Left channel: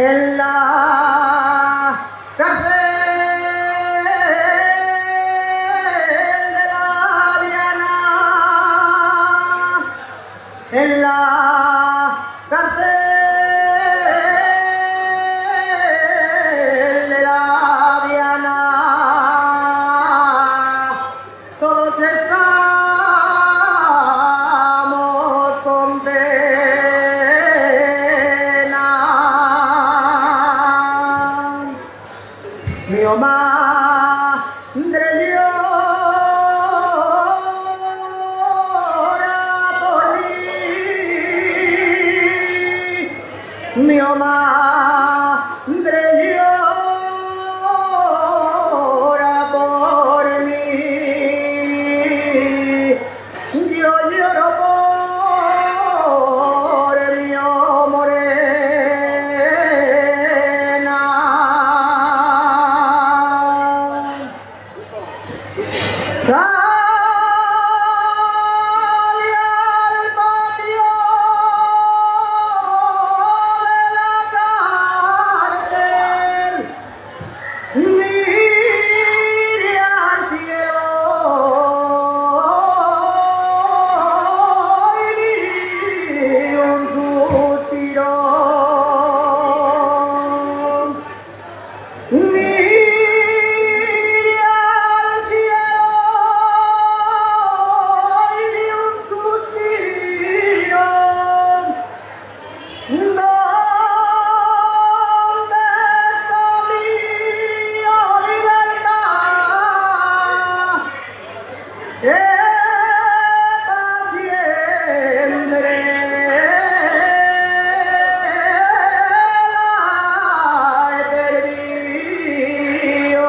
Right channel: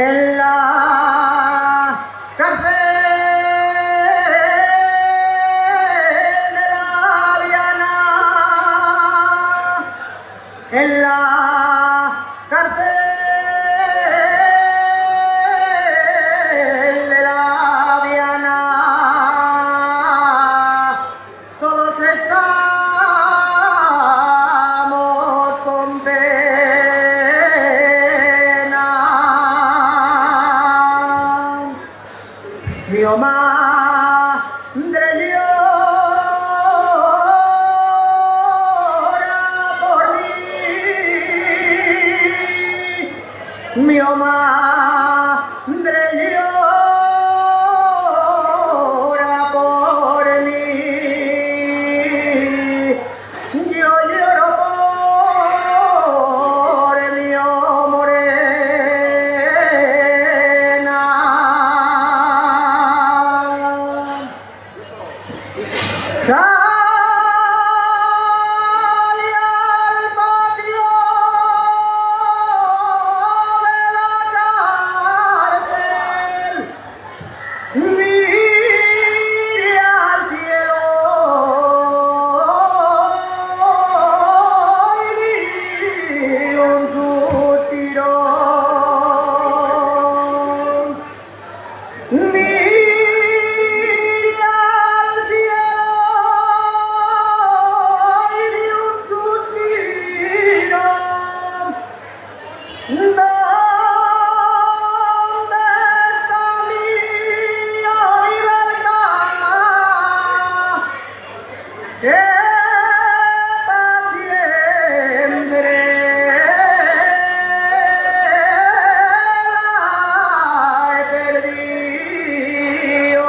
en la cárcel de la Viana, en la cárcel de la Viana, todos estamos con pena. Mi madre llora por mí, mi madre llora por mí, yo lloro por mi morena. Sale al patio de la cárcel, mire al cielo y di un suspiro. Mire al cielo y di un suspiro. ¿Dónde está mi libertad? Esta siempre la he perdido.